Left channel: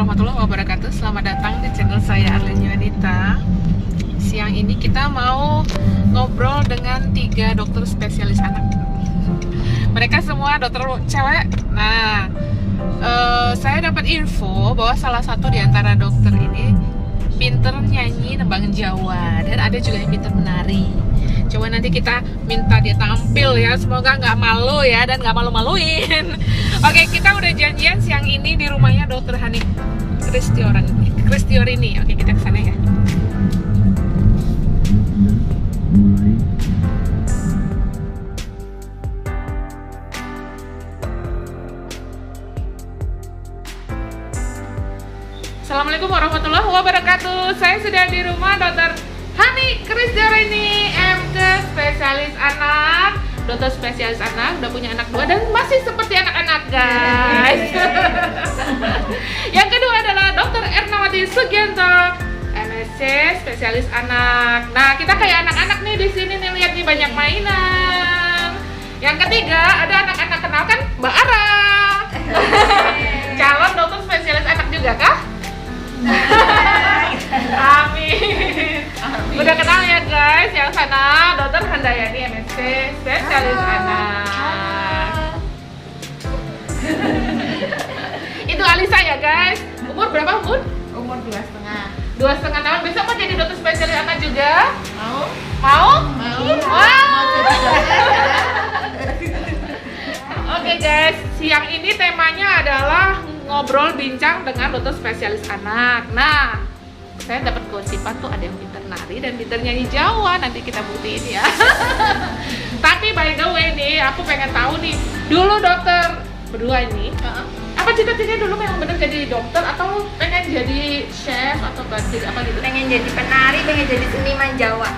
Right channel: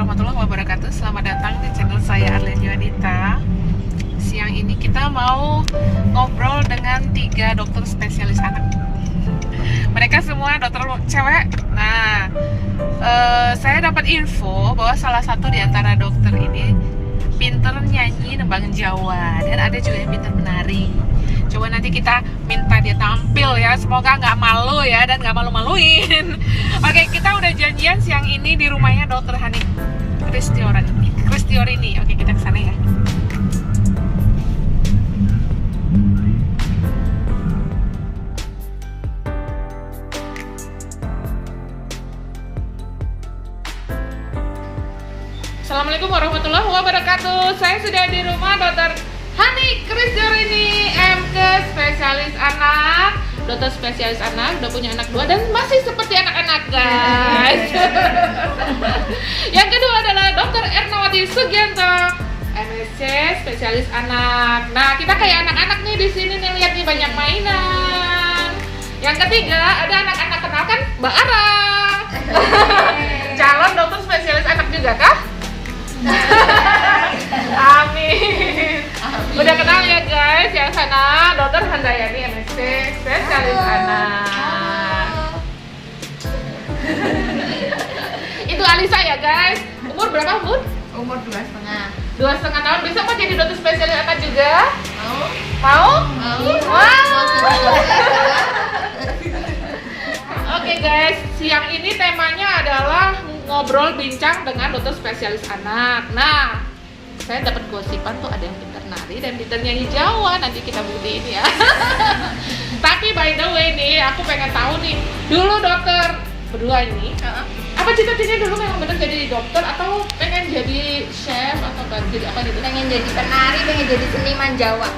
warahmatullahi wabarakatuh. Selamat datang di channel saya Arlene Yuanita. Siang ini kita mau ngobrol dengan 3 dokter spesialis anak. Mereka semua dokter cewek. Nah, saya dapat info bahwa salah satu di antara dokter ini pinter nyanyi nembangin Jawa, dan ada juga yang pinter menari. Coba nanti kita minta dia tampil ya, semoga nggak malu ya dan nggak malu-maluin. Oke, kita udah janjian siang ini di rumahnya Dr. Hanif Kristiorini. Oke, kita ke sana ya. Assalamualaikum warahmatullahi wabarakatuh. Saya sudah di rumah Dr. Hanif Kristiorini, MK spesialis anak. Dokter spesialis anak, udah punya anak 2 dan masih seperti anak-anak, guys. Yang kedua adalah Dr. Ernawati Sugianto, MSc spesialis anak. Nah, kita kayak anak-anak nih di sini nih, lihat nih banyak mainan. Yang ketiga ada anak-anak, kenalkan Mbak Ara. Calon dokter spesialis anak juga kah? Amin. Udah kenal ya guys, yang sana Dokter Handayani MSc spesialis anak. Itu Alisa ya guys. Umur berapa Bun? Umur 2,5. 2,5 tahun. Besok mau jadi dokter spesialis anak juga? Mau? Mau? Wah. Mau jadi dokter. Oke guys, siang ini temanya adalah ngobrol bincang dengan dokter spesialis anak. Nah, saya dapat gosipan tuh ada yang pintar nari dan pintar nyanyi Jawa. Nanti kita buktiin ya. Tapi by the way nih, aku pengen tahu nih, dulu dokter berdua ini, apa cita-citanya dulu memang benar jadi dokter atau pengen jadi chef atau jadi apa gitu? Pengen jadi penari, pengen jadi seniman Jawa.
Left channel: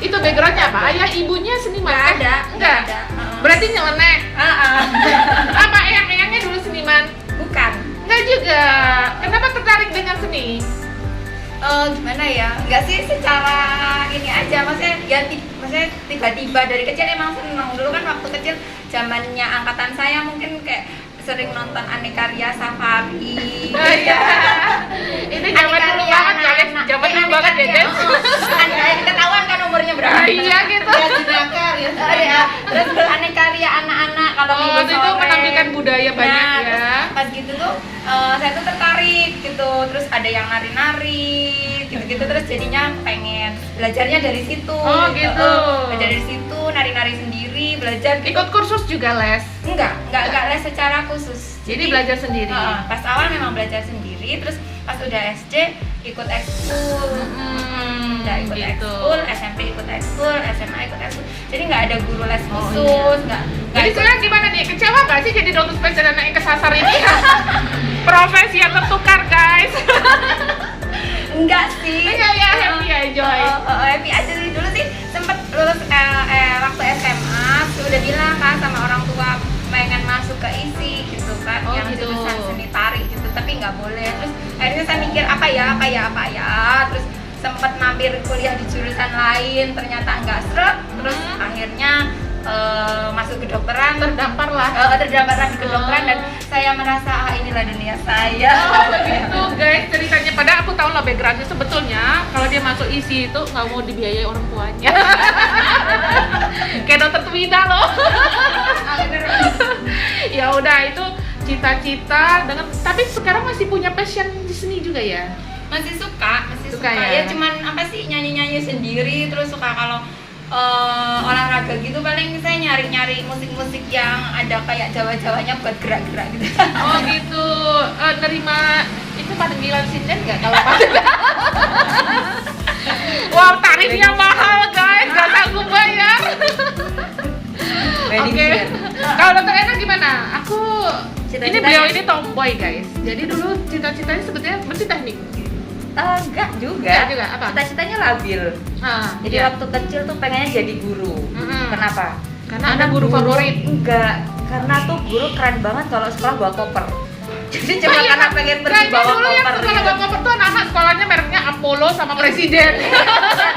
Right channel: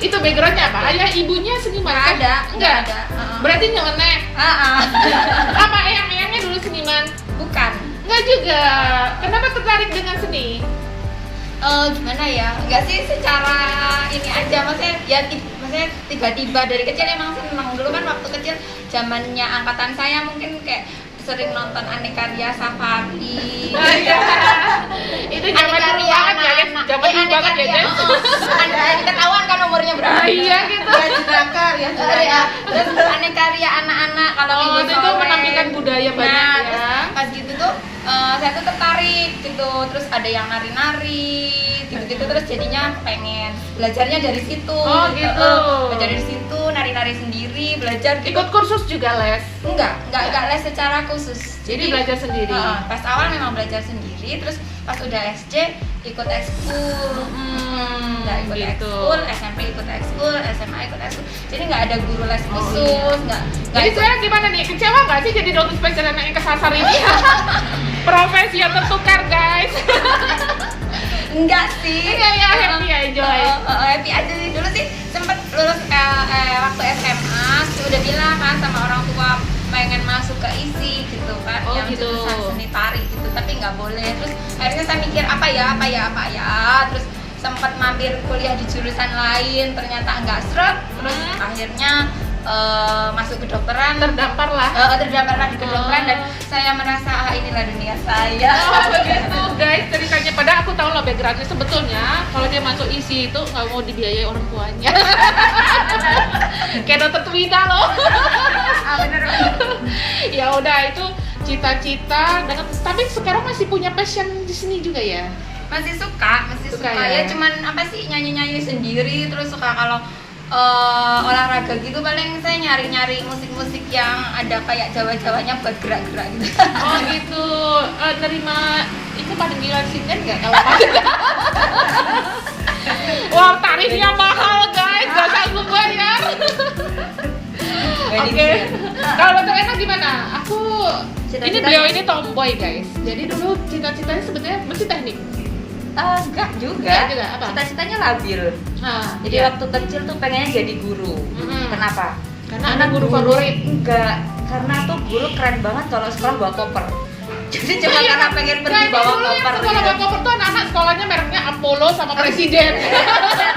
Itu backgroundnya apa? Ayah ibunya seniman? Nggak ada. Enggak ada. Berarti nyeleneh. Apa eyang-eyangnya dulu seniman? Bukan. Enggak juga. Kenapa tertarik dengan seni? Gimana ya? Enggak sih, secara ini aja, maksudnya tiba-tiba dari kecil emang seneng. Dulu kan waktu kecil zamannya angkatan saya mungkin kayak sering nonton Aneka Ria Safari. Itu Aneka Ria anak-anak. Aneka Ria. Ketahuan kan umurnya berapa? Iya gitu. Terus Aneka Ria anak-anak kalau minggu itu sore. penampilan budaya banyak ya. Pas gitu tuh saya tuh tertarik gitu. Terus ada yang nari-nari gitu-gitu, terus jadinya pengen belajarnya dari situ. Oh gitu. Belajar dari situ, nari-nari sendiri, belajar gitu. Ikut kursus juga les? Enggak les secara khusus. Jadi belajar sendiri. Pas awal memang belajar sendiri, terus pas udah SD ikut ekskul. Udah ikut gitu. ekskul, SMP ikut ekskul, SMA ikut ekskul. Jadi nggak ada guru les khusus, nggak Jadi ikut. saya gimana nih? Kecewa nggak sih jadi dokter spesialis anak yang kesasar ini? Profesi yang tertukar guys. Enggak sih. Iya, happy aja. Happy aja sih. Dulu sih sempet lulus waktu SMA, terus udah bilang kan sama orang tua pengen masuk ke ISI gitu kan, yang gitu. jurusan seni tari gitu, tapi nggak boleh. Terus akhirnya saya mikir apa ya, terus sempat mampir kuliah di jurusan lain, ternyata nggak seret. Terus akhirnya masuk kedokteran, terdaftarlah di kedokteran, dan saya merasa inilah dunia saya. Gitu guys ceritanya. Padahal aku tahu lah backgroundnya sebetulnya. Kalau dia masuk ISI itu nggak mau dibiayai orang tuanya. Kayak dokter Twida loh. Ya udah, itu cita-cita dengan, tapi sekarang masih punya passion di seni juga ya? Masih suka ya? Ya cuman apa sih, nyanyi sendiri. Terus suka kalau olahraga gitu, paling saya nyari musik-musik yang ada kayak Jawa-Jawanya buat gerak-gerak gitu. Oh gitu. Terima itu panggilan sinden nggak kalau panggilan? Wah, tarifnya mahal guys, nggak sanggup bayar. Oke. Kalau dokter Ena gimana? Ini beliau ini tomboy guys. Jadi dulu cita-citanya sebetulnya mesti teknik. Enggak juga. Apa? Cita-citanya labil. Jadi waktu kecil tuh pengennya jadi guru. Kenapa? Karena guru favorit. Enggak, karena tuh guru keren banget kalau sekolah bawa koper. Jadi cuma karena pengen pergi bawa koper gitu. Kalau bawa koper tuh anak-anak sekolahnya mereknya Apollo sama Presiden.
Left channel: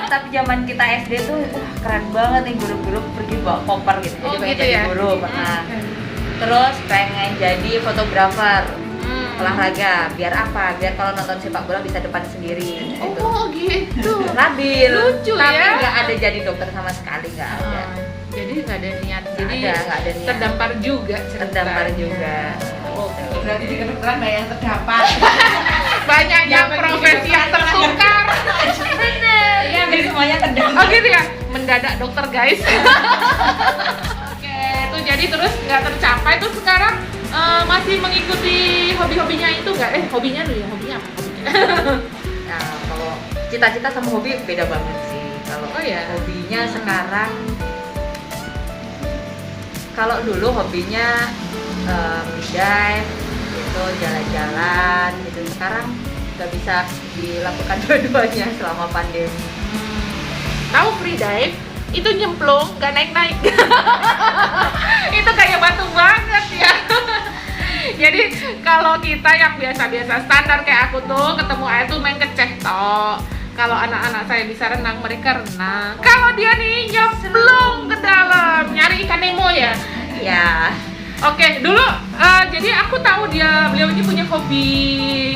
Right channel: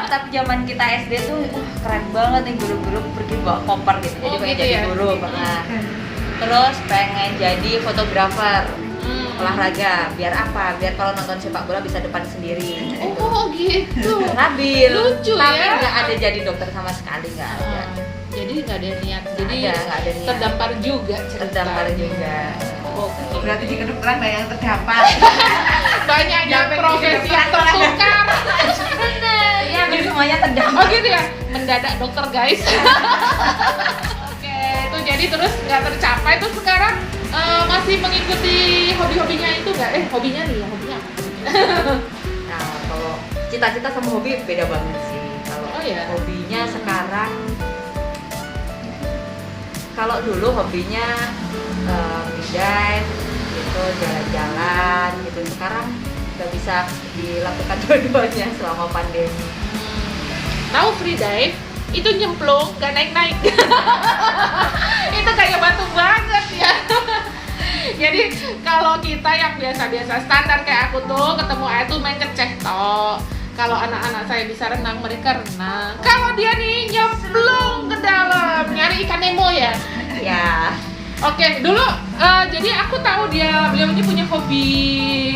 Tapi zaman kita SD tuh keren banget nih guru-guru pergi bawa koper gitu. Jadi pengen jadi guru pernah. Terus pengen jadi fotografer. olahraga. Biar apa? Biar kalau nonton sepak bola bisa depan sendiri gitu. Oh gitu. Labil. Lucu tapi ya. nggak ada jadi dokter sama sekali, nggak ada. Jadi nggak ada niat. Jadi nggak ada niat. terdampar juga ceritanya. Terdampar juga. Oke. Berarti di kedokteran banyak yang terdampar. Banyak yang profesi yang tertukar. Bener, ya hampir semuanya terdampar. Oh gitu ya, mendadak dokter guys. Oke, itu jadi terus nggak tercapai. Terus sekarang masih mengikuti hobi-hobinya itu nggak? Hobinya nih ya, hobinya apa? Nah, kalau cita-cita sama hobi beda banget sih. Kalau Oh, iya? hobinya sekarang, kalau dulu hobinya free dive, gitu, jalan-jalan, gitu. Sekarang nggak bisa dilakukan dua-duanya selama pandemi. Tahu free dive? Itu nyemplung, nggak naik-naik. Itu kayak batu banget ya. Jadi kalau kita yang biasa-biasa standar kayak aku tuh ketemu air tuh main keceh toh. Kalau anak-anak saya bisa renang, mereka renang. Kalau dia nih nyemplung ke dalam, nyari ikan Nemo ya. Ya, Oke, dulu jadi aku tahu beliau ini punya hobi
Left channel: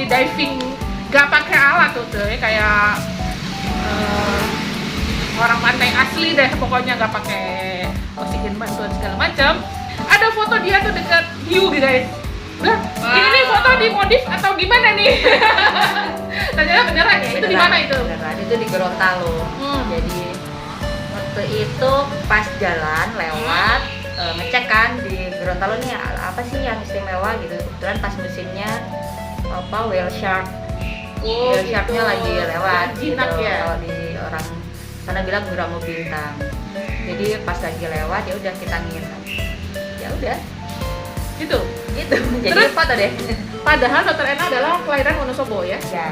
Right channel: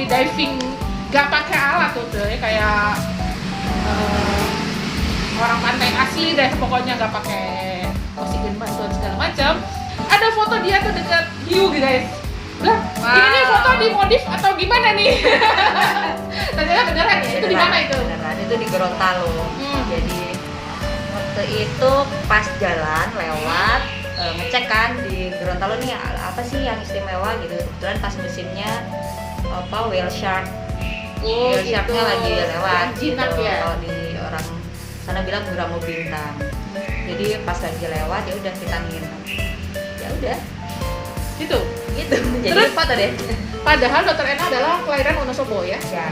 diving, gak pakai alat tuh kayak orang pantai asli deh, pokoknya gak pakai oksigen bantuan segala macam. Ada foto dia tuh dekat hiu guys. Lah, ini foto dimodif atau gimana nih? Ternyata beneran ya? Itu di mana itu? beneran. Itu di Gorontalo. Jadi waktu itu pas jalan lewat ngecek kan di Gorontalo nih apa sih yang istimewa gitu. Kebetulan pas musimnya whale shark. Oh, Whale sharknya gitu. lagi lewat Jinak gitu. ya? Kalau di orang sana bilang Bromo Bintang. Jadi pas lagi lewat ya udah kita nginep. Ya udah Gitu. gitu. Jadi Terus? foto deh. Padahal Dokter Ena adalah kelahiran Wonosobo ya. Ya,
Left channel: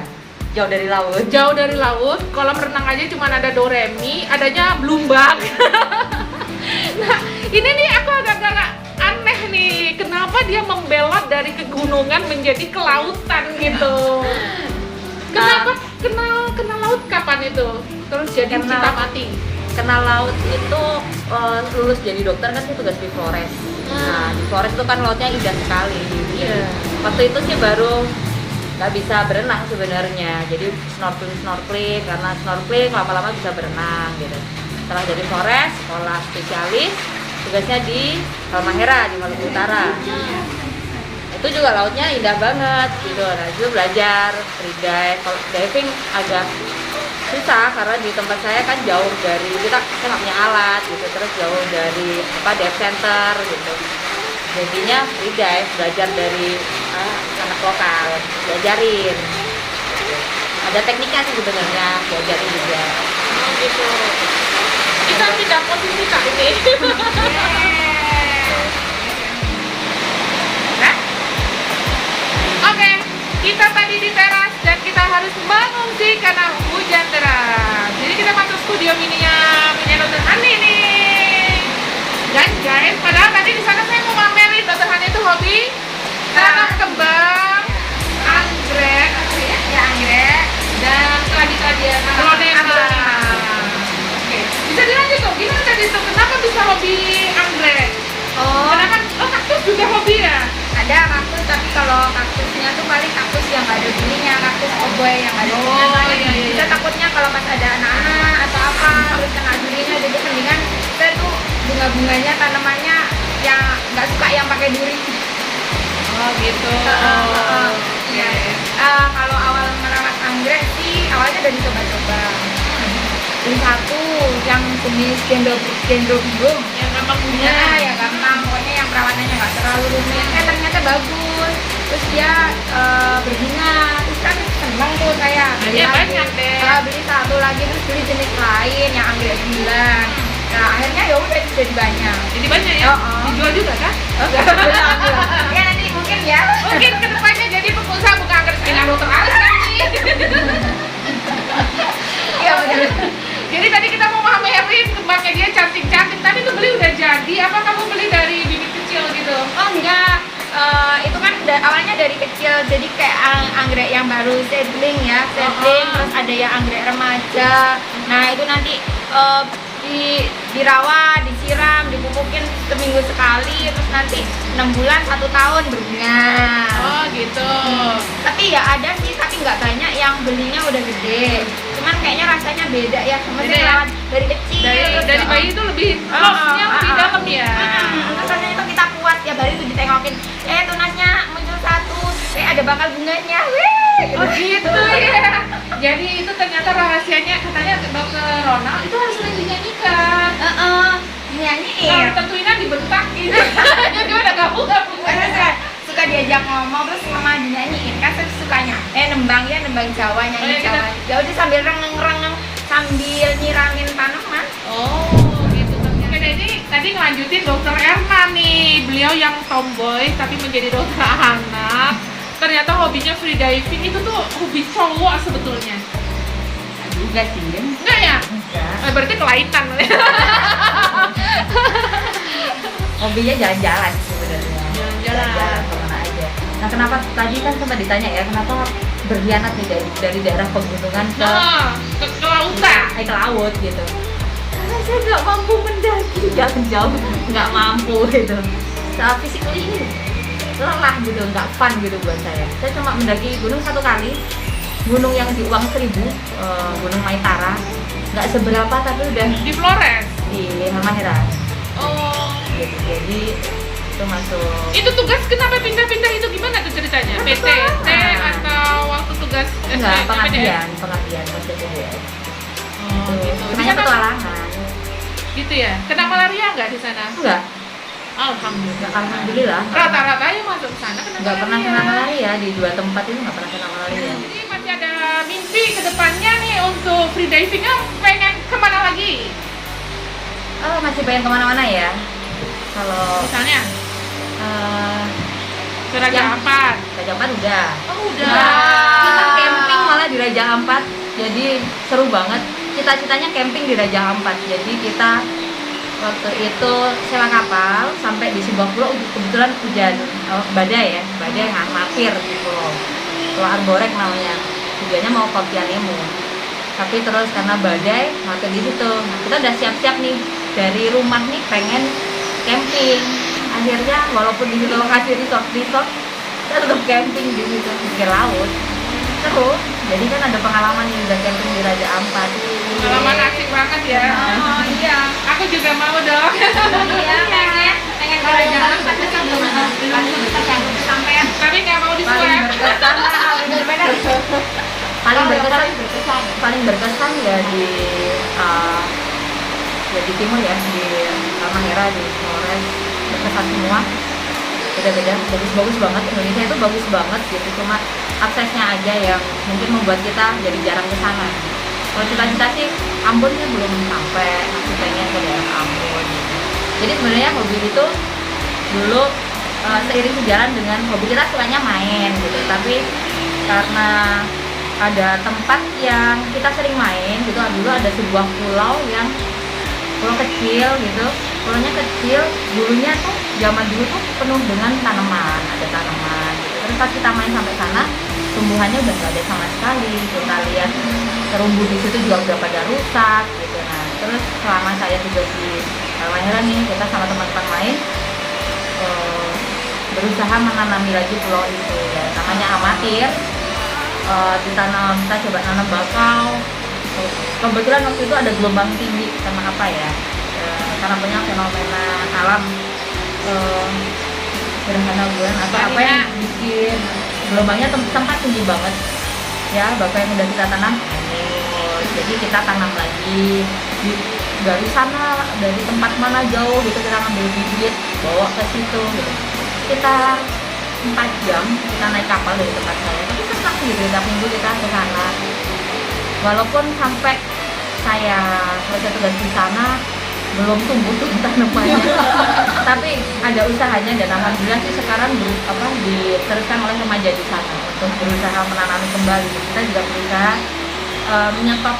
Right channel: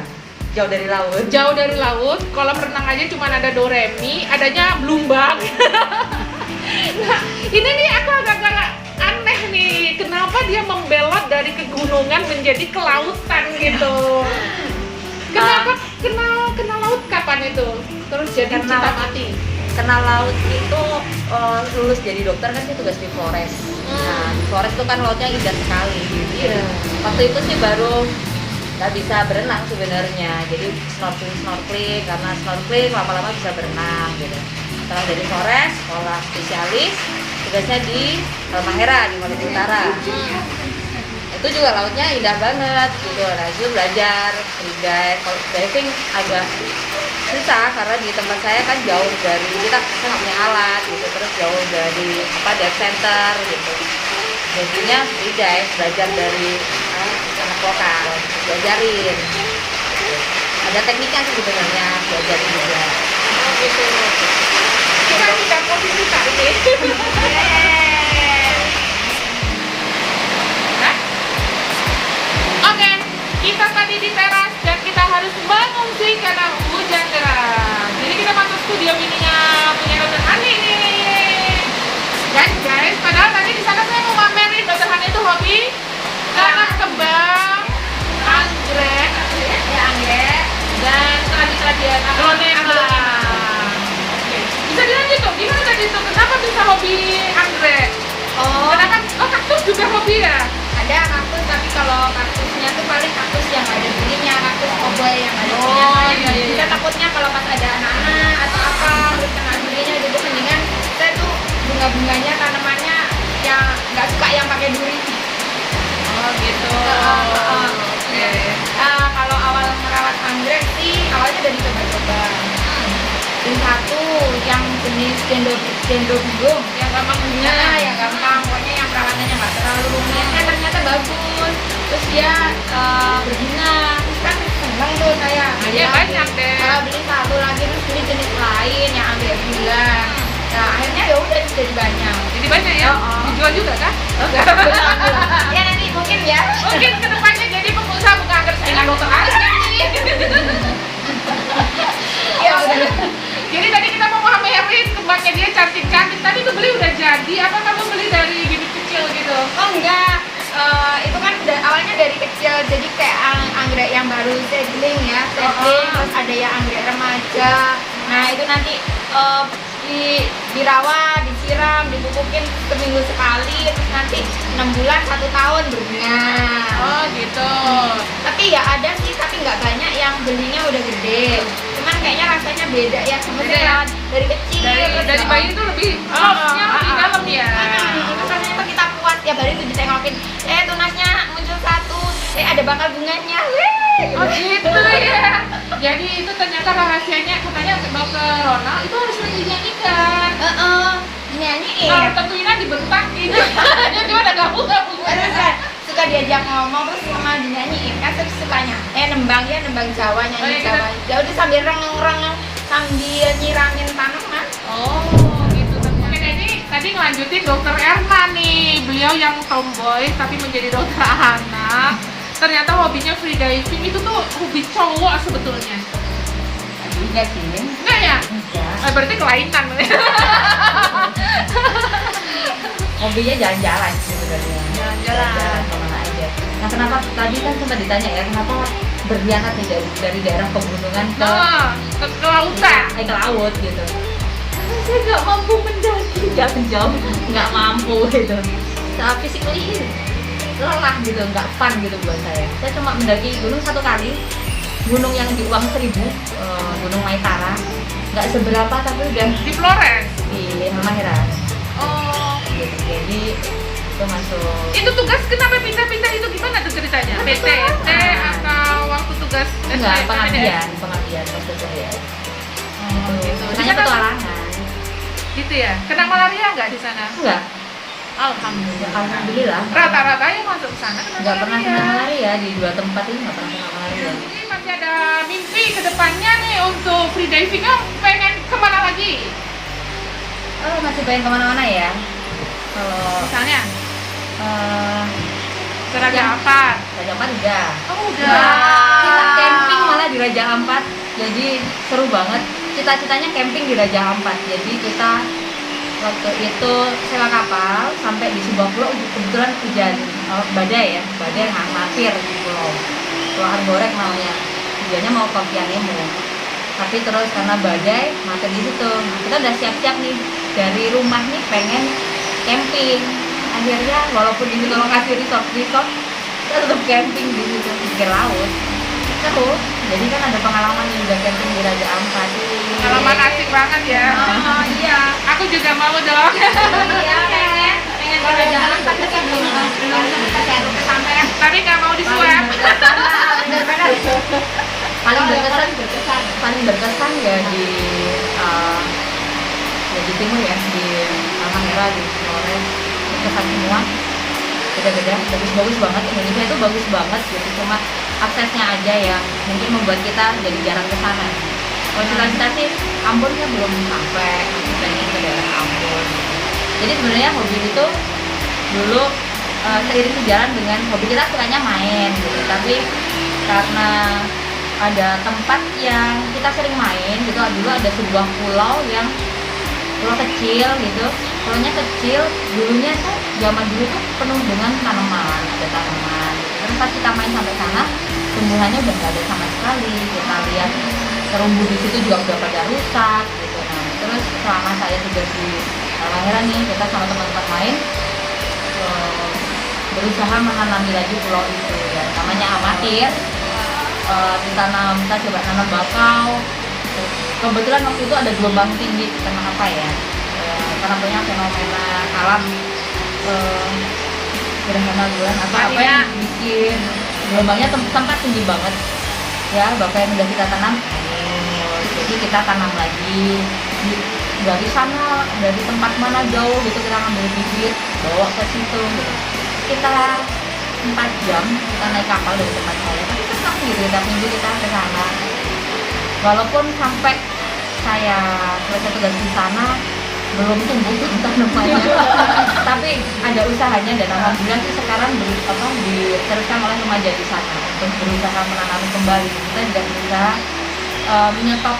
jauh dari laut. Jauh dari laut, kolam renang aja cuma ada Doremi, adanya Blumbang. Nah, ini nih aku agak aneh nih, kenapa dia membelot dari kegunungan menjadi kelautan gitu? Kenapa kenal laut kapan itu? Terus jadi Kenal. cinta mati. Kenal laut itu lulus jadi dokter kan sih tugas di Flores. Nah di Flores itu kan lautnya indah sekali. Iya. Waktu itu sih baru nggak bisa berenang sebenarnya. Jadi snorkeling karena snorkeling lama-lama bisa berenang gitu. Setelah dari Flores sekolah spesialis, tugasnya di Halmahera di Maluku Utara. Itu juga lautnya indah banget gitu. Nah itu belajar free dive. Kalau diving agak susah karena di tempat saya kan jauh dari kita nggak punya alat gitu, terus jauh dari dive center gitu. Jadinya free dive, belajar dari anak lokal, diajarin. Ada tekniknya sih sebenarnya, diajarin juga. Gitu. Kita pindah posisi kak ini. Nah? Oke, kita tadi di teras dan kita harus mengungsi karena hujan deras. Jadi kita masuk studio mininya punya Dokter Hani nih. Dan guys, padahal tadi di sana saya mau mamerin Dokter Hani itu hobi tanam kembang, anggrek, Ya anggrek. dan keladi-keladian aglonema. Oke, bisa dilanjut tuh, gimana tadi tuh? Kenapa bisa hobi anggrek? Oh, Karena kan, kaktus juga hobi ya? ada kaktus, tapi kalau kaktusnya tuh paling kaktus yang nggak ada durinya, kaktus oboy yang nggak ada durinya. Soalnya iya, iya. kita takutnya kalau pas ada anak-anak atau apa terus kena durinya, jadi mendingan kita tuh bunga-bunganya tanamannya yang nggak suka yang pakai duri. Oh gitu. Iya. Kalau awal merawat anggrek sih awalnya dari coba-coba. Beli satu yang jenis dendrobium. Yang gampang punya. Ya, ya gampang. Pokoknya yang perawatannya nggak terlalu rumit. Ternyata bagus. Terus dia berbunga. Terus kan seneng tuh saya. Beli Iya, lagi. banyak deh. Beli satu lagi terus beli jenis lain yang anggrek bilang. Nah akhirnya ya udah jadi banyak. Jadi banyak ya? Oh. Dijual juga kan? Belum. Ya nanti mungkin ya. Mungkin kedepannya jadi pengusaha bukan anggrek dengan Dokter Hani. Ya udah. Jadi tadi kita mau mamerin kembangnya dia cantik-cantik. Tadi tuh beli udah jadi, apa kamu beli dari bibit kecil gitu? Oh enggak, itu kan awalnya dari kecil, jadi kayak anggrek yang baru seedling ya, seedling, terus ada yang anggrek remaja. Nah itu nanti dirawat, disiram, dipupukin seminggu sekali, terus nanti 6 bulan 1 tahun berbunga. Oh gitu. Tapi ya ada sih, tapi nggak banyak yang belinya udah gede. Cuman kayaknya rasanya beda ya, Beda maksudnya ya? rawat dari kecil. terus Dari ya, bayi itu lebih tulasnya lebih dalam ya. Terus rasanya tuh kita puas tiap hari tuh ditengokin, tunasnya muncul 1, ada bakal bunganya, wih. Begitu ya. Jadi itu ternyata rahasianya, katanya dokter Ronald itu harus sering dinyanyikan. Nyanyiin. Kalau tentunya dibentakin. Gimana kamu nggak punya? Karena suka diajak ngomong terus sama dinyanyiin kan terus sukanya nembang Jawa, nyanyi Gitu. Jawa. Ya udah sambil rengeng-rengeng sambil nyiramin tanaman. Oh gitu. Oke, ini tadi ngelanjutin dokter Erman nih. Beliau yang tomboy tapi menjadi dokter anak. Ternyata hobinya free diving itu tuh hobi cowok sebetulnya. Juga sih. Enggak ya? Enggak. Berarti kelainan. Hobinya jalan-jalan sebenarnya. Jalan-jalan. kemana aja. Nah kenapa tadi kan sempat ditanya ya kenapa berkhianat nih dari daerah pegunungan ke Ke lautan. ke laut gitu. Karena saya nggak mampu mendaki jauh, nggak mampu gitu. Secara physically lelah gitu, nggak fun gitu buat saya. Saya cuma mendaki gunung 1 kali, gunung yang di Uang 1000, Gunung Maitara. Nggak seberapa tapi udah Di Flores. di Halmahera. Oh. Gitu. Jadi itu masuk. Itu tugas kenapa pindah-pindah itu gimana tuh ceritanya? Kan PT petualangan. atau waktu tugas Enggak, PPDS? pengabdian pas PPDS. Itu makanya Di sana- petualangan. Gitu ya. Kena malaria nggak di sana? Enggak, Alhamdulillah. alhamdulillah nggak pernah, Rata-rata yang masuk ke sana nggak pernah kena malaria di 2 tempat ini nggak pernah kena malaria. Ini masih ada mimpi ke depannya nih untuk free diving, pengen kemana lagi? Oh masih pengen kemana-mana ya. Kalau Misalnya ke Raja yang- Ampat. Raja Ampat udah. Oh, Kita camping malah di Raja Ampat, jadi seru banget. Cita-citanya camping di Raja Ampat. Jadi kita waktu itu sewa kapal sampai di sebuah pulau, kebetulan hujan badai yang mampir di Pulau Arborek namanya. Tujuannya mau ke Pianemu. Tapi terus karena badai mampir di situ. Nah, kita udah siap-siap nih dari rumah nih pengen camping. Akhirnya walaupun di situ lokasi resort, kita tetap camping di situ di pinggir laut. Seru. Jadi kan ada pengalaman nih udah camping di Raja Ampat. Pengalaman asik banget ya. Oh iya. Aku juga mau dong. Iya, pengen jalan-jalan tapi belum sampai Tapi nggak mau Paling disuap. berkesan paling berkesan ya di timur ya, di Halmahera, di Flores. Berkesan semua, beda-beda, bagus banget. Indonesia itu bagus banget gitu, cuma aksesnya aja yang mungkin membuat kita jadi jarang ke sana. Kalau cita-cita sih Ambonnya belum sampai, masih pengen ke daerah Ambon gitu. Jadi sebenarnya hobi itu dulu seiring sejalan dengan hobi kita sukanya main gitu, tapi karena ada tempat yang kita sering main gitu, dulu ada sebuah pulau kecil gitu, pulaunya kecil, dulunya tuh zaman dulu tuh penuh dengan tanaman, ada tanaman gitu. Terus pas kita main sampai sana, tumbuhannya udah nggak ada sama sekali. Kita lihat terumbu di situ juga udah pada rusak gitu. Nah, terus selama saya tugas di Halmahera nih, kita sama teman-teman lain berusaha menanami lagi pulau itu ya, namanya amatir. Kita coba nanam bakau. Kebetulan waktu itu ada gelombang tinggi karena apa ya? Karena banyak fenomena alam, gerhana bulan atau apa yang bikin gelombangnya tempat tinggi banget. Ya, bapak yang udah kita tanam, jadi kita tanam lagi dari sana, dari tempat mana jauh gitu, kita ngambil bibit, bawa ke situ gitu. Kita 4 jam kita naik kapal dari tempat saya, tapi senang gitu, tiap minggu kita ke sana. Walaupun sampai saya selesai tugas di sana belum tumbuh tuh tanamannya, tapi ada usahanya dan alhamdulillah sih sekarang diteruskan oleh remaja di sana untuk berusaha menanami kembali. Kita juga berusaha menyetop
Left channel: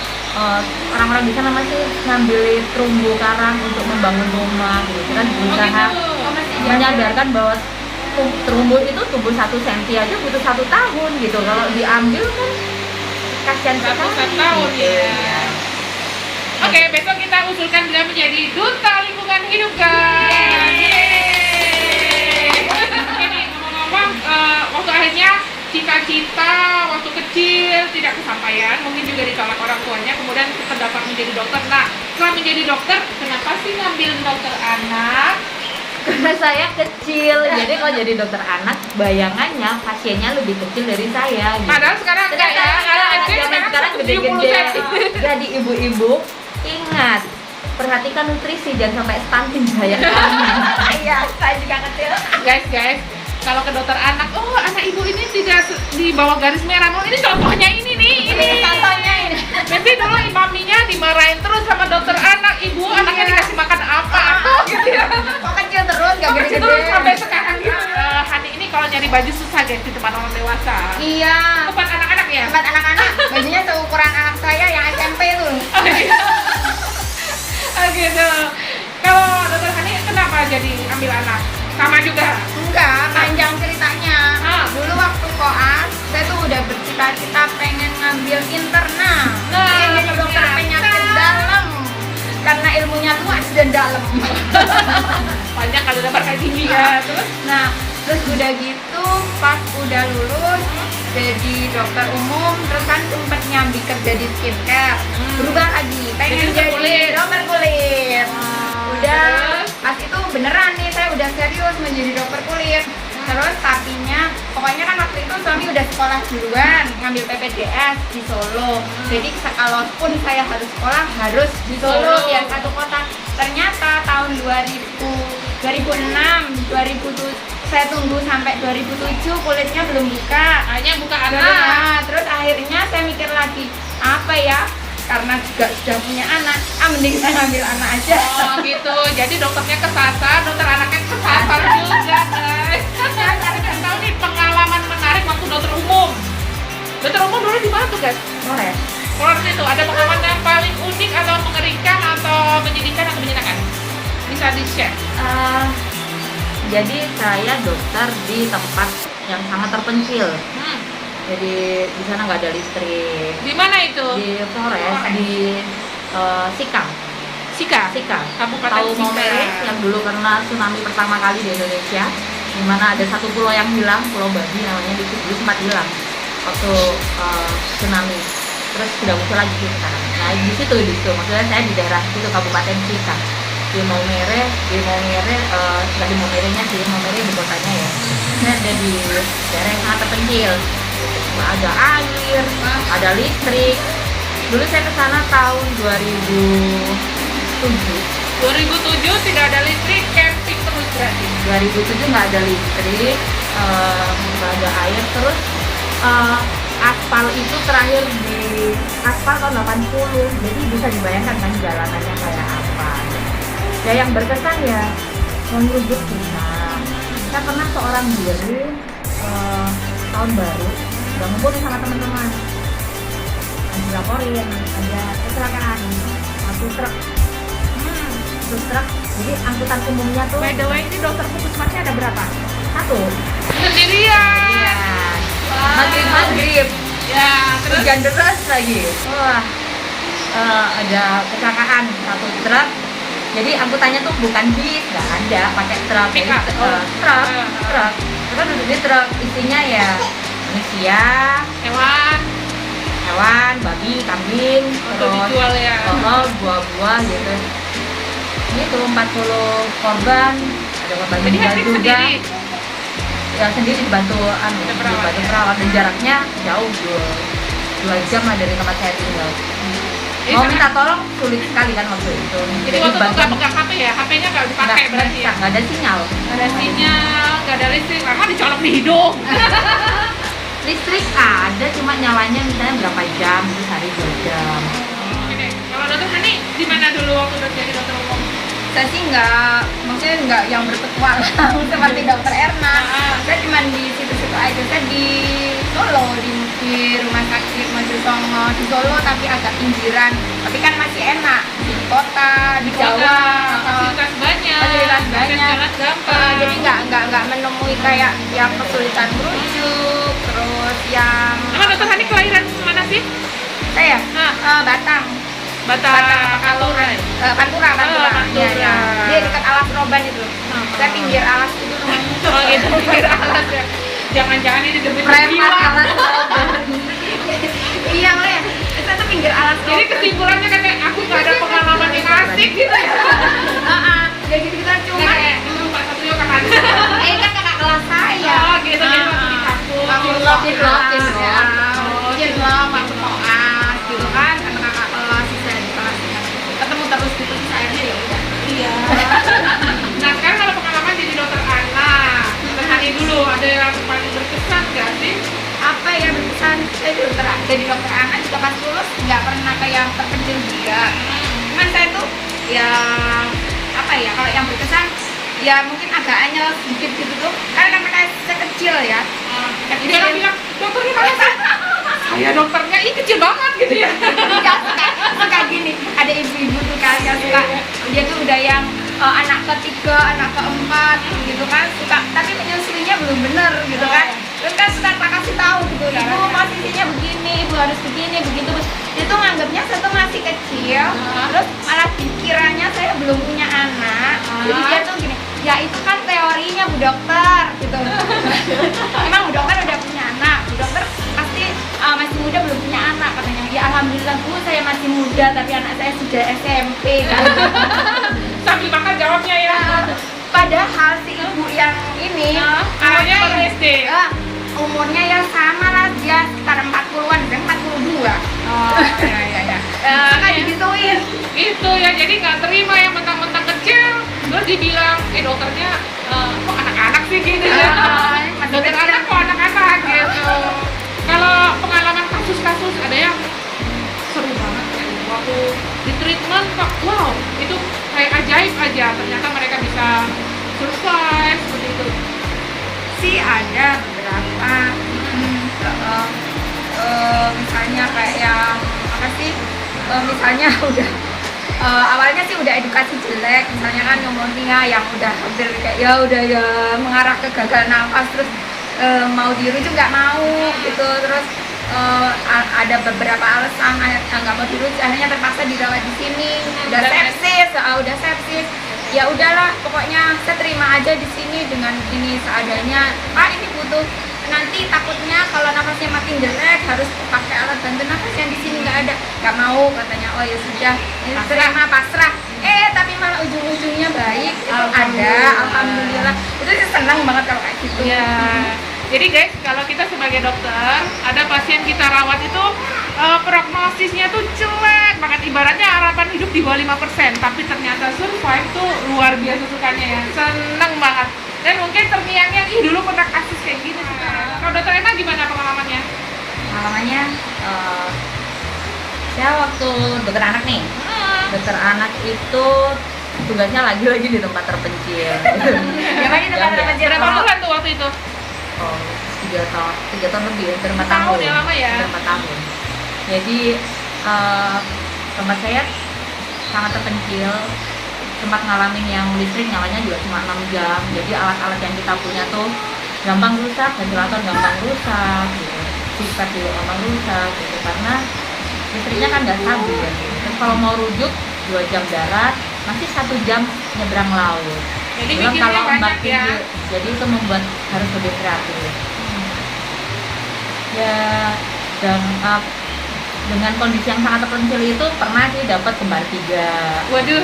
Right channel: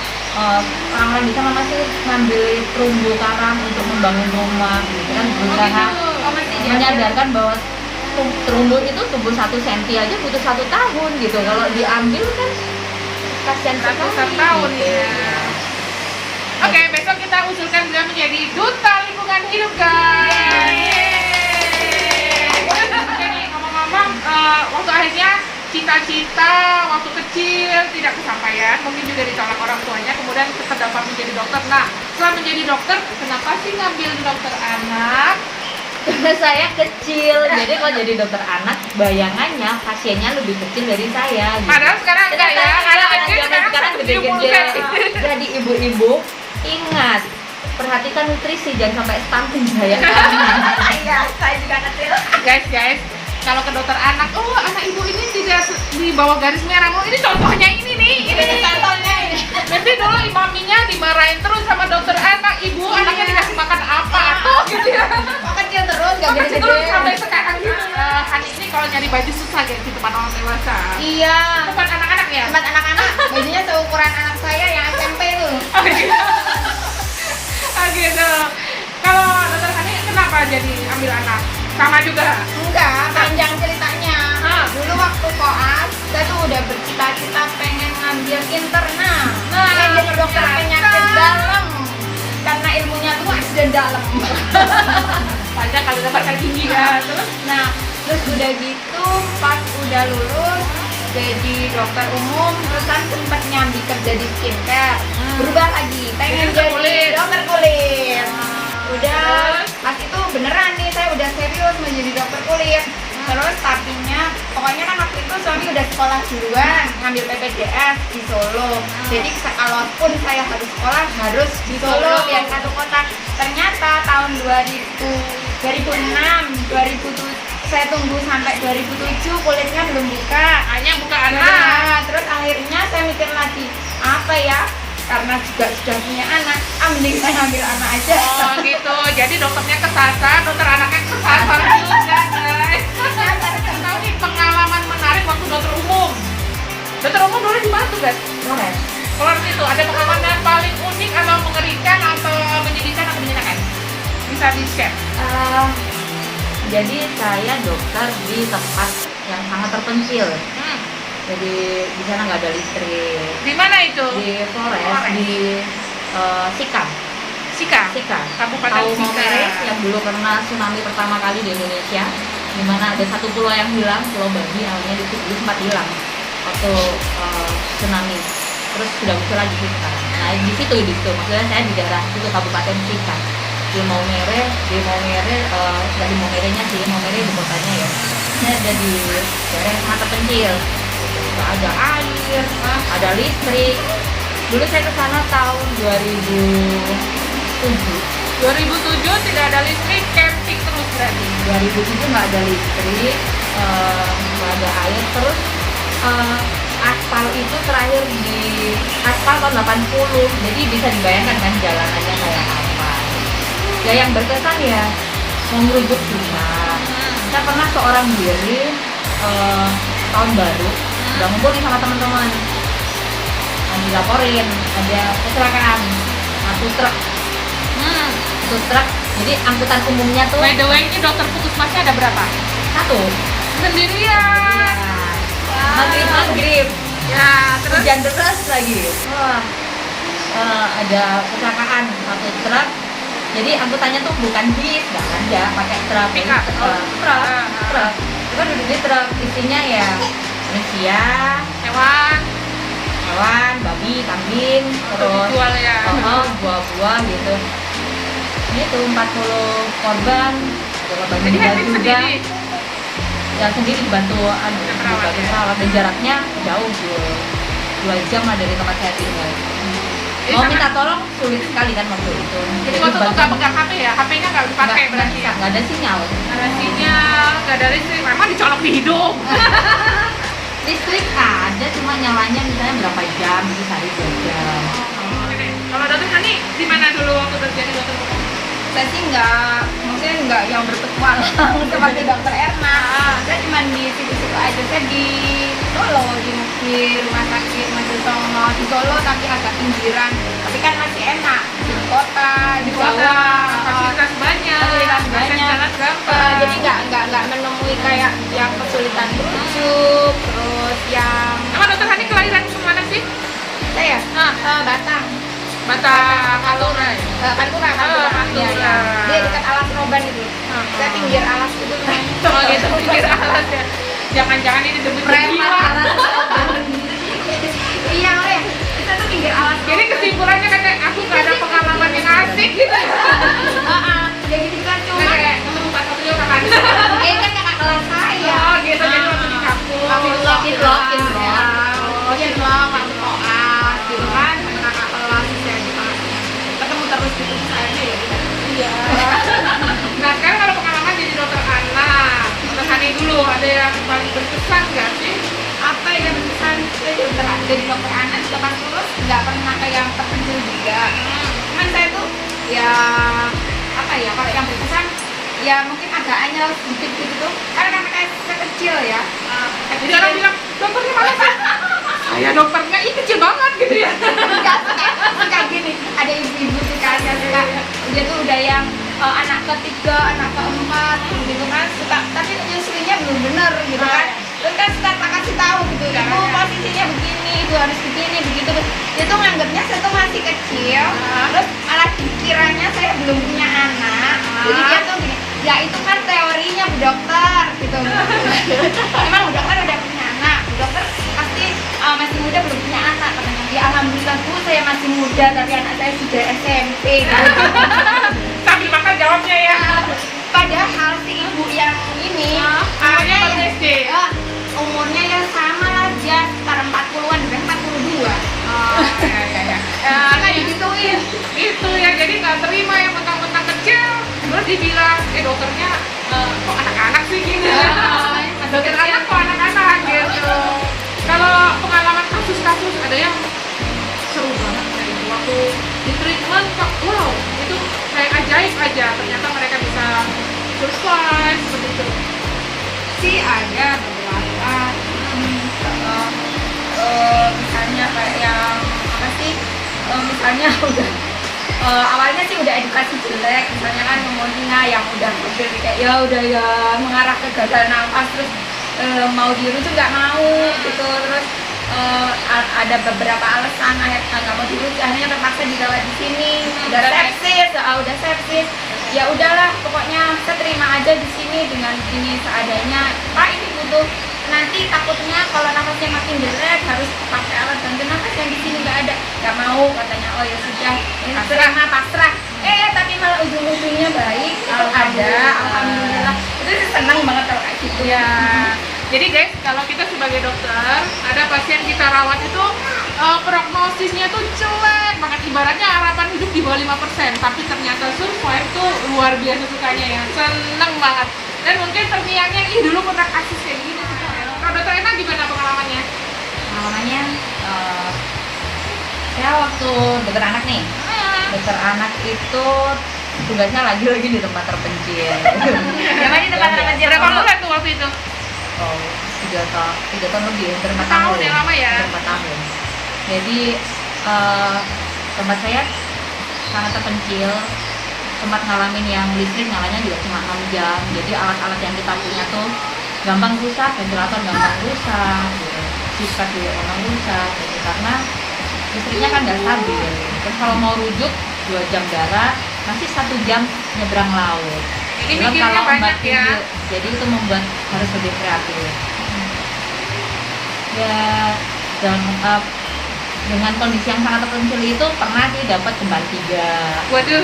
orang-orang di sana masih ngambil terumbu karang untuk membangun rumah gitu. Kita berusaha menyadarkan bahwa terumbu itu tumbuh 1 cm aja butuh 1 tahun gitu. Kalau diambil kan kasihan sekali. 1 tahun gitu. ya. Oke, besok kita usulkan beliau menjadi duta lingkungan hidup, guys. Jadi ngomong-ngomong, waktu akhirnya cita-cita waktu kecil tidak kesampaian, mungkin juga ditolak orang tuanya, kemudian terdapat menjadi dokter. Nah, setelah menjadi dokter, kenapa sih ngambil dokter anak? Karena saya kecil, jadi kalau jadi dokter anak, bayangannya pasiennya lebih kecil dari saya. Gitu. Padahal sekarang enggak ya, Anak zaman sekarang gede-gede. Jadi ibu-ibu ingat, perhatikan nutrisi, jangan sampai stunting sayang kami. Iya, saya juga kecil. Guys, kalau ke dokter anak, oh anak ibu ini tidak di bawah garis merah. Ini contohnya ini Contohnya ini. Nanti dulu maminya dimarahin terus sama dokter anak, ibu anaknya dikasih makan apa gitu ya. Kok kecil terus, gak Terus gede-gede. sampai sekarang gitu. Hani ini kalau nyari baju susah guys di tempat orang dewasa. Iya. Bukan anak-anak ya? Tempat anak-anak, bajunya seukuran anak saya yang SMP tuh. Gitu. Kalau dokter Hani kenapa jadi ambil anak? Sama juga. Enggak, panjang ceritanya. Dulu waktu koas, saya tuh udah bercita-cita pengen ngambil internal. Pengen jadi dokter penyakit dalam. Karena ilmunya luas dan dalam. Banyak kalau dokter tinggi ya. Nah, terus udah gitu pas udah lulus jadi dokter umum, terus kan sempet nyambi kerja di skincare. Berubah lagi, pengen jadi dokter kulit. Udah pas itu beneran nih, saya udah serius mau jadi dokter kulit. Terus tapinya, pokoknya kan waktu itu suami udah sekolah duluan, ngambil PPDS di Solo. Jadi kalaupun saya harus sekolah, harus di Solo, yang satu kota. Ternyata tahun 2006, 2007, saya tunggu sampai 2007 kulitnya belum buka. Hanya buka anak. Nah, terus akhirnya saya mikir lagi, apa ya? Karena juga sudah punya anak, mending saya ambil anak aja. Oh gitu, jadi dokternya kesasar, dokter anaknya kesasar juga guys. Saya tahu nih pengalaman menarik waktu dokter umum. Dokter umum dulu di mana tuh guys? Flores. Flores itu ada pengalaman yang paling unik atau mengerikan atau menyedihkan atau menyenangkan? Bisa di-share? Jadi saya dokter di tempat yang sangat terpencil. Jadi di sana nggak ada listrik. Di mana itu? Di Flores, di Sikam. Sika. Kabupaten Tahu Sika. Maumere yang dulu kena tsunami pertama kali di Indonesia, di mana ada satu pulau yang hilang, Pulau Babi namanya, di situ sempat hilang waktu tsunami. Terus sudah muncul lagi sih sekarang. Nah di situ, maksudnya saya di daerah situ Kabupaten Sika. Di Maumere, nggak di Maumerenya sih, Maumere ibu kotanya ya. Saya ada di daerah yang sangat terpencil. Nggak ada air, ada listrik. Dulu saya ke sana tahun 2007. 2007 tidak ada listrik, camping terus berarti. 2007 nggak ada listrik, nggak ada air. Terus aspal itu terakhir di aspal tahun 80. Jadi bisa dibayangkan kan jalanannya kayak apa. Ya yang berkesan ya mau ngerubut susah. Saya pernah seorang diri tahun baru udah ngumpul nih sama teman-teman, dilaporin ada kecelakaan satu truk. Jadi angkutan umumnya tuh By the way, ini dokter puskesmasnya ada berapa? satu. Sendirian. Iya. Maghrib Ya, terus hujan deras lagi. Wah, ada kecelakaan satu truk. Jadi angkutannya tuh bukan bis, nggak ada, pakai truk. Jadi, truk. Kita duduk di truk, isinya ya manusia, hewan, babi, kambing, terus dijual ya. buah-buah gitu. Itu 40 korban, ada korban meninggal juga. Sendiri. Yang sendiri dibantu perawat, dan jaraknya jauh 2 jam lah dari tempat saya tinggal. Mau minta tolong sulit sekali kan waktu itu. Jadi waktu nggak pegang HP ya? HP-nya nggak dipakai berarti ya? nggak ada sinyal. Nggak ada sinyal, nggak ada listrik, karena dicolok di hidung. Listrik ada, cuma nyalanya misalnya berapa jam, itu sehari 2 jam. Oke, kalau dokter Hani di mana dulu waktu jadi dokter umum? Saya sih maksudnya nggak yang berpetualang seperti dokter Erna. Saya cuma di situ-situ aja. Saya di Solo, di rumah sakit Maju Songo di Solo, tapi agak pinggiran. Tapi kan masih enak di kota, di Jawa. Fasilitas banyak. Fasilitas banyak. Jalan gampang. Jadi nggak menemui kayak yang kesulitan merujuk, terus yang Dokter Hani kelahiran mana sih? saya Nah. Batang. Batam. Kalau Pantura. Iya, ya. Dia dekat Alas Roban itu. Saya pinggir alas itu rumahnya. Itu pikir alas ya. Jangan-jangan ini demi Preman jiwa. Alas Roban. Iya, ya. Saya tuh pinggir Alas Roban. Jadi kesimpulannya kan aku gak ada pengalaman yang asik gitu. Ya gitu-gituan cuma Kayak Pak Satrio kakak. kan kakak kelas saya. Oh, gitu gitu di kampus. Kamu Bikin vlog. bikin vlog waktu koas gitu kan sama kakak kelas saya di kelasnya ketemu terus gitu terus akhirnya ya udah. Iya. Nah sekarang kalau pengalaman jadi dokter anak, tadi dulu ada yang paling berkesan nggak sih? Apa ya berkesan saya jadi dokter anak juga pas lulus nggak pernah kayak yang terpencil juga. Cuman saya tuh ya apa ya kalau yang berkesan ya mungkin agak anyel sedikit gitu tuh karena saya kecil ya. Jadi orang bilang dokternya mana sih? Saya dokternya ini kecil banget gitu ya. Enggak suka gini ada ibu-ibu tuh kan yang suka dia tuh udah yang anak ketiga anak keempat gitu kan suka tapi menyusuinya belum bener gitu kan terus kan suka tak kasih tahu gitu ibu posisinya begini ibu harus begini begitu terus dia tuh nganggapnya saya tuh masih kecil terus malah dikiranya saya belum punya anak jadi dia tuh gini ya itu kan teorinya bu dokter gitu emang bu dokter udah punya anak bu dokter pasti masih muda belum punya anak katanya ya alhamdulillah bu saya masih muda tapi anak saya sudah SMP gitu. Sambil makan jawabnya ya. Padahal si ibu yang ini Awalnya SD. umurnya ya sama lah dia sekitar 40-an udah 42 Ya. suka digituin Itu ya jadi nggak terima yang mentang-mentang kecil terus dibilang dokternya kok anak-anak sih gitu. masih Dokter kecil anak kok anak-anak gitu. Kalau pengalaman kasus-kasus ada yang seru banget kayak waktu di treatment kok wow itu kayak ajaib aja ternyata mereka bisa survive seperti itu. sih ada beberapa misalnya kayak yang apa sih misalnya udah awalnya sih udah edukasi jelek misalnya kan pneumonia yang udah kayak ya udah ya mengarah ke gagal nafas terus mau dirujuk nggak mau gitu terus ada beberapa alasan akhirnya nggak mau dirujuk akhirnya terpaksa dirawat di sini udah sepsis ya udahlah pokoknya saya terima aja di sini dengan ini seadanya pak ini butuh nanti takutnya kalau nafasnya makin jelek harus pakai alat bantu nafas yang di sini nggak mau katanya oh ya sudah ini terima pasrah tapi malah ujung-ujungnya baik itu ada alhamdulillah itu sih senang banget kalau kayak gitu Ya. Jadi guys, kalau kita sebagai dokter, ada pasien kita rawat itu prognosisnya tuh jelek banget. Ibaratnya harapan hidup di bawah 5%, tapi ternyata survive tuh luar biasa sukanya ya. Seneng banget. Dan mungkin terngiang-ngiang, ih dulu pernah kasus kayak gini. Kalau dokter Ena gimana pengalamannya? Pengalamannya saya waktu dokter anak nih dokter anak itu tugasnya lagi-lagi di tempat terpencil. Karena kita Yang biasa. berapa bulan tuh waktu itu? Oh, 3 tahun lebih, hampir 4 tahun tahun. ya, lama ya? Hampir 4 tahun. Jadi tempat saya sangat terpencil, sempat ngalamin yang listrik nyalanya juga cuma 6 jam. Jadi alat-alat yang kita punya tuh gampang rusak, ventilator gampang rusak, gitu. Sifat juga gampang rusak, gitu. Karena listriknya kan nggak stabil. Terus kalau mau rujuk 2 jam darat, masih 1 jam nyebrang laut. Jadi Belum mikirnya kalau banyak ombak ya. tinggi, jadi itu membuat harus lebih kreatif. Ya, dan dengan kondisi yang sangat terpencil itu pernah sih dapat kembar 3. Waduh.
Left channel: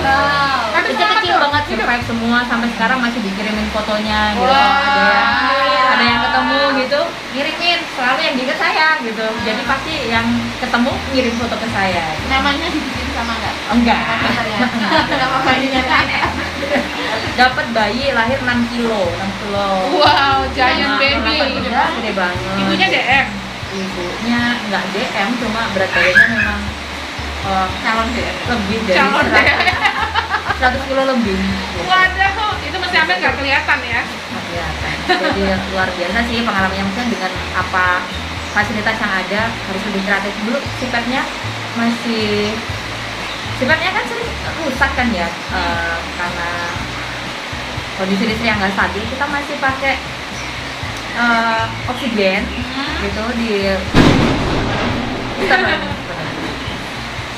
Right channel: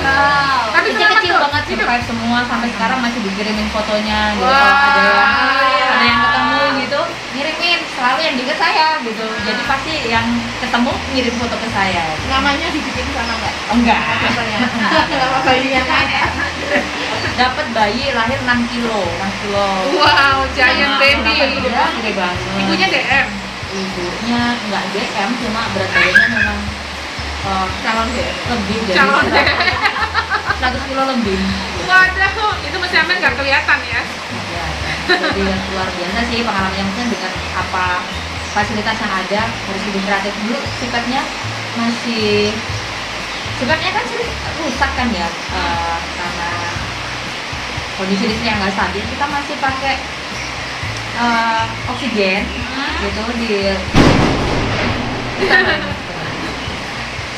Tapi Kecil-kecil selamat banget, tuh. survive semua sampai sekarang masih dikirimin fotonya gitu. Kalau ada yang ketemu gitu, ngirimin selalu yang deket saya gitu. Jadi pasti yang ketemu ngirim foto ke saya. namanya dibikin sama nggak Enggak. nama bayinya kan Dapat bayi lahir 6 kilo. Wow, giant baby. Ya, gede banget. Ibunya DM. Ibunya nggak DM, cuma berat badannya memang Calon DM. lebih dari Calon 100 kilo lebih. Waduh, itu masih hampir nggak kelihatan ya. Nggak kelihatan. Jadi luar biasa sih pengalamannya, mungkin dengan apa fasilitas yang ada harus lebih kreatif dulu. Sifatnya kan sering rusak kan ya, karena kondisi listrik yang nggak stabil. Kita masih pakai oksigen gitu di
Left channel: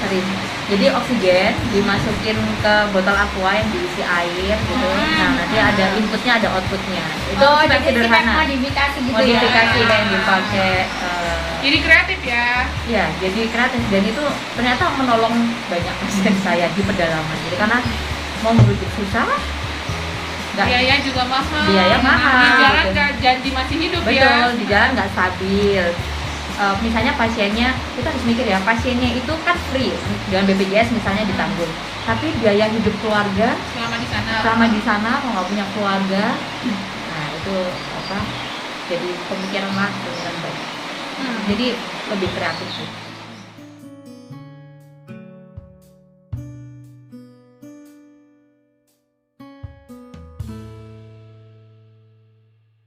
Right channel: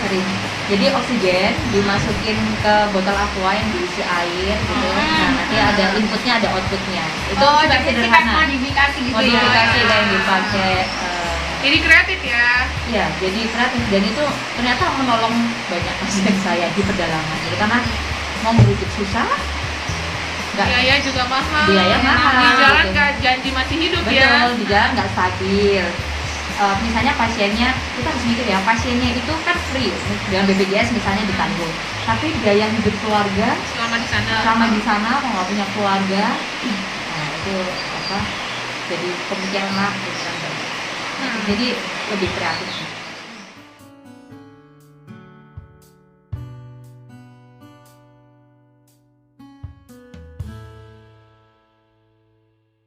sorry. Jadi oksigen dimasukin ke botol aqua yang diisi air gitu. Nah, nanti ada inputnya, ada outputnya. Itu super sederhana. Modifikasi gitu Modifikasi ya. kayak dipakai. Jadi kreatif ya. Ya, jadi kreatif dan itu ternyata menolong banyak pasien saya di pedalaman. Jadi karena mau merujuk susah, nggak Biaya juga mahal. Biaya mahal, Di jalan gitu. nggak janji masih hidup ya. betul di jalan nggak stabil. Misalnya pasiennya, kita harus mikir ya, pasiennya itu kan free dengan BPJS misalnya ditanggung, tapi biaya hidup keluarga Selama di sana. di sana kalau nggak punya keluarga, nah itu apa? Jadi pemikiran lah, pemikiran baik. Jadi lebih kreatif sih.